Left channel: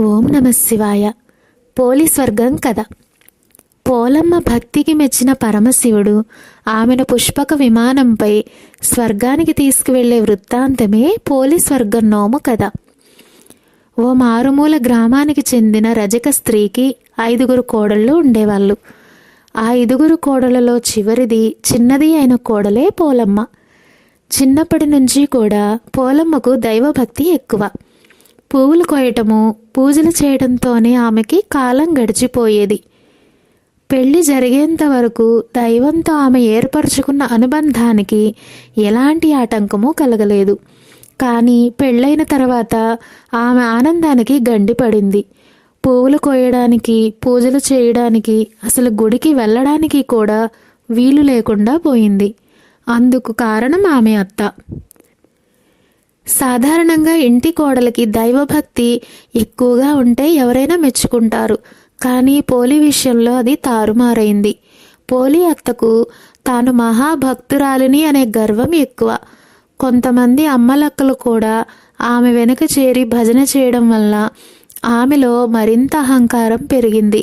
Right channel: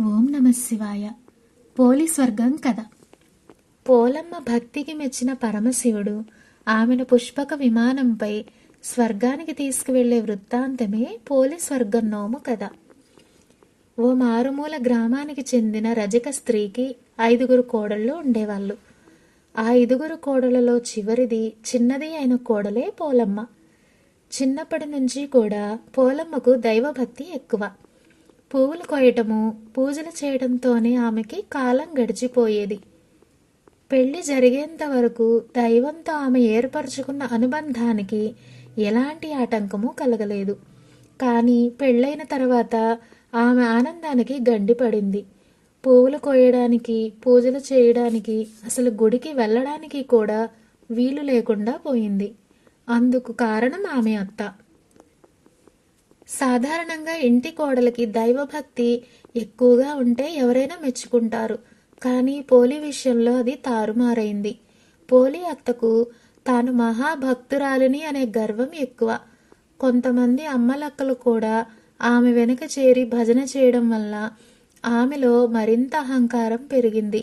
ఓం నమ శివాయ. పోలి స్వర్గం కథ. పోలమ్మ భక్తికి మెచ్చిన పరమశివుడు ఆమెను పుష్పక విమానంపై స్వర్గానికి తీసుకువెళ్ళే వృత్తాంతమే పోలి స్వర్గం నోము కథ. ఓ మారుమూల గ్రామానికి చెందిన రజక స్త్రీకి ఐదుగురు కోడళ్ళు ఉండేవాళ్ళు. ఆ ఐదుగురు కోడలలో చివరిది చిన్నది అయిన కోడలే పోలమ్మ. చిన్నప్పటి నుంచి కూడా పోలమ్మకు దైవభక్తి ఎక్కువ. పువ్వులు కోయటము పూజలు చేయడంతోనే ఆమెకి కాలం గడిచిపోయేది. పెళ్ళి జరిగేంత వరకు దైవంతో ఆమె ఏర్పరచుకున్న అనుబంధానికి ఎలాంటి ఆటంకము కలగలేదు. కానీ పెళ్ళైన తర్వాత ఆమె ఆనందానికి గండి పడింది. పువ్వులు కోయడానికి పూజలు చేయడానికి అసలు గుడికి వెళ్ళడానికి కూడా వీలు లేకుండా పోయింది. అందుకు కారణం ఆమె అత్త. సాధారణంగా ఇంటి కోడలికి దైవభక్తి ఎక్కువగా ఉంటే ఎవరైనా మెచ్చుకుంటారు. కానీ పోలి విషయంలో అది తారుమారైంది. పోలి అత్తకు తాను మహాభక్తురాలిని అనే గర్వం ఎక్కువ. కొంతమంది అమ్మలక్కలు కూడా ఆమె వెనుక చేరి భజన చేయడం వల్ల ఆమెలో మరింత అహంకారం పెరిగింది.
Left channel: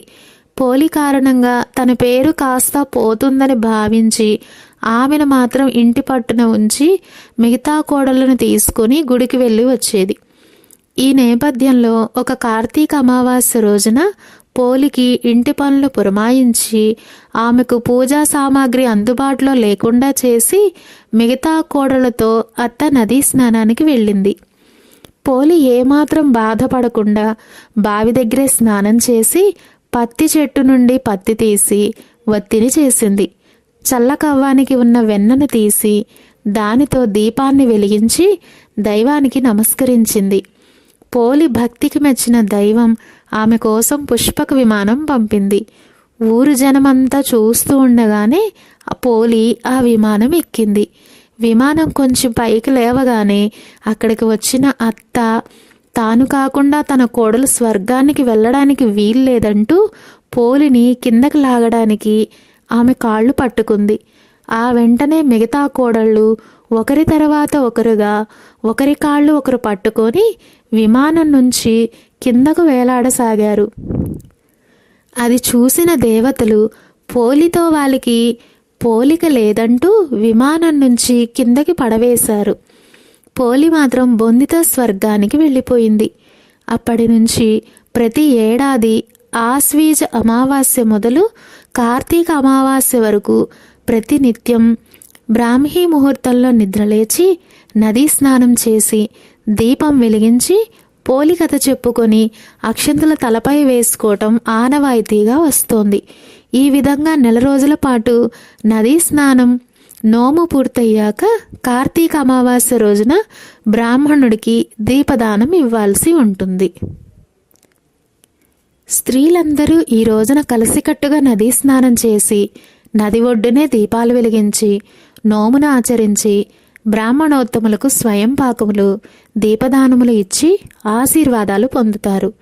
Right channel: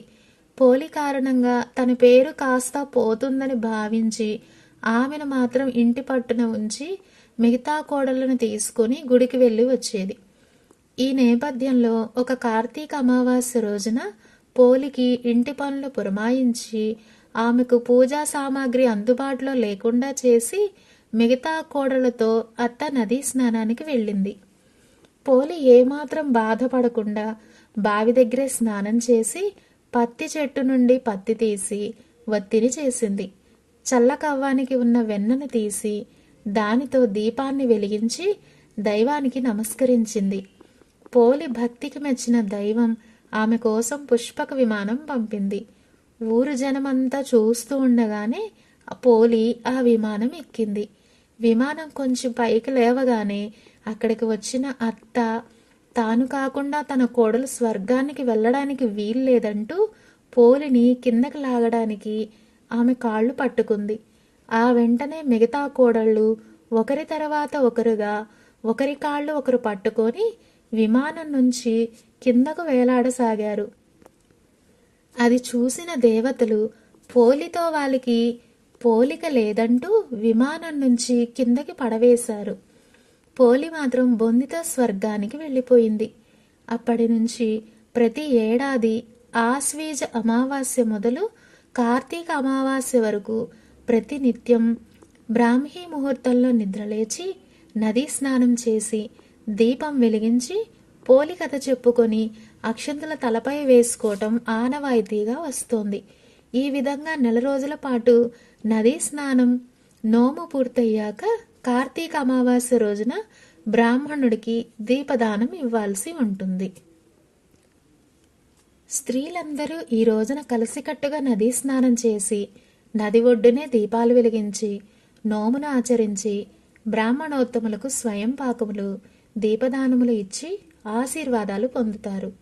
పోలి కారణంగా తన పేరు కాస్త పోతుందని భావించి ఆమెను మాత్రం ఇంటి పట్టున ఉంచి మిగతా కోడలను తీసుకుని గుడికి వెళ్ళి వచ్చేది. ఈ నేపథ్యంలో ఒక కార్తీక అమావాస్య రోజున పోలికి ఇంటి పనులు పురమాయించి ఆమెకు పూజా సామాగ్రి అందుబాటులో లేకుండా చేసి మిగతా కోడలతో అత్త నదీ స్నానానికి వెళ్ళింది. పోలి ఏమాత్రం బాధపడకుండా బావి దగ్గరే స్నానం చేసి పత్తి చెట్టు నుండి పత్తి తీసి వత్తిని చేసింది. చల్లకవ్వానికి ఉన్న వెన్నను తీసి దానితో దీపాన్ని వెలిగించి దైవానికి నమస్కరించింది. పోలి భక్తికి మెచ్చిన దైవం ఆమె కోసం పుష్పక విమానం పంపింది. ఊరు జనమంతా చూస్తూ ఉండగానే పోలి ఆ విమానం ఎక్కింది. విమానం కొంచెం పైకి లేవగానే అక్కడికి వచ్చిన అత్త తాను కాకుండా తన కోడలు స్వర్గానికి వెళ్ళడానికి వీల్లేదంటూ పోలిని కిందకి లాగడానికి ఆమె కాళ్ళు పట్టుకుంది. ఆ వెంటనే మిగతా కోడళ్ళు ఒకరి తర్వాత ఒకరుగా ఒకరి కాళ్ళు ఒకరు పట్టుకొని విమానం నుంచి కిందకు వేలాడసాగారు. అది చూసిన దేవతలు పోలితో వాళ్ళకి పోలిక లేదంటూ విమానం నుంచి కిందకి పడవేశారు. పోలి మాత్రం బొందితో స్వర్గానికి వెళ్ళిపోయింది. అప్పటి నుంచి ప్రతి ఏడాది ఆశ్వీజ అమావాస్య మొదలు కార్తీక అమావాస్య వరకు ప్రతినిత్యం బ్రాహ్మీ ముహూర్తంలో నిద్రలేచి నదీ స్నానం చేసి దీపం వెలిగించి పోలికథ చెప్పుకొని అక్షంతల తలపై వేసుకోవటం ఆనవాయితీగా వస్తోంది. ఈ విధంగా నెల రోజుల పాటు నదీ స్నానం నోము పూర్తయ్యాక కార్తీక అమావాస్య రోజున బ్రాహ్మణుడికి దీపదానం ఇవ్వాల్సి ఉంటుంది. స్త్రీలందరూ ఈ రోజున కలిసికట్టుగా నదీ స్నానం చేసి నది ఒడ్డునే దీపాలు వెలిగించి నోమును ఆచరించి బ్రాహ్మణోత్తములకు స్వయం పాకములు దీపదానములు ఇచ్చి ఆశీర్వాదాలు పొందుతారు.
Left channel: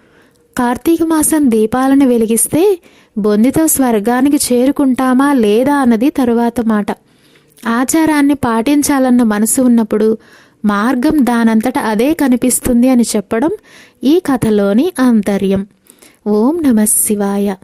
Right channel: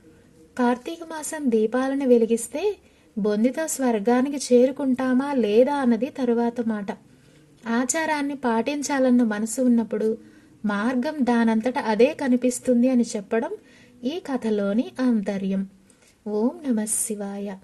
కార్తీక మాసం దీపాలను వెలిగిస్తే బొందితో స్వర్గానికి చేరుకుంటామా లేదా అన్నది తరువాత మాట. ఆచారాన్ని పాటించాలన్న మనసు ఉన్నప్పుడు మార్గం దానంతట అదే కనిపిస్తుంది అని చెప్పడం ఈ కథలోని ఆంతర్యం. ఓం నమ శివాయ.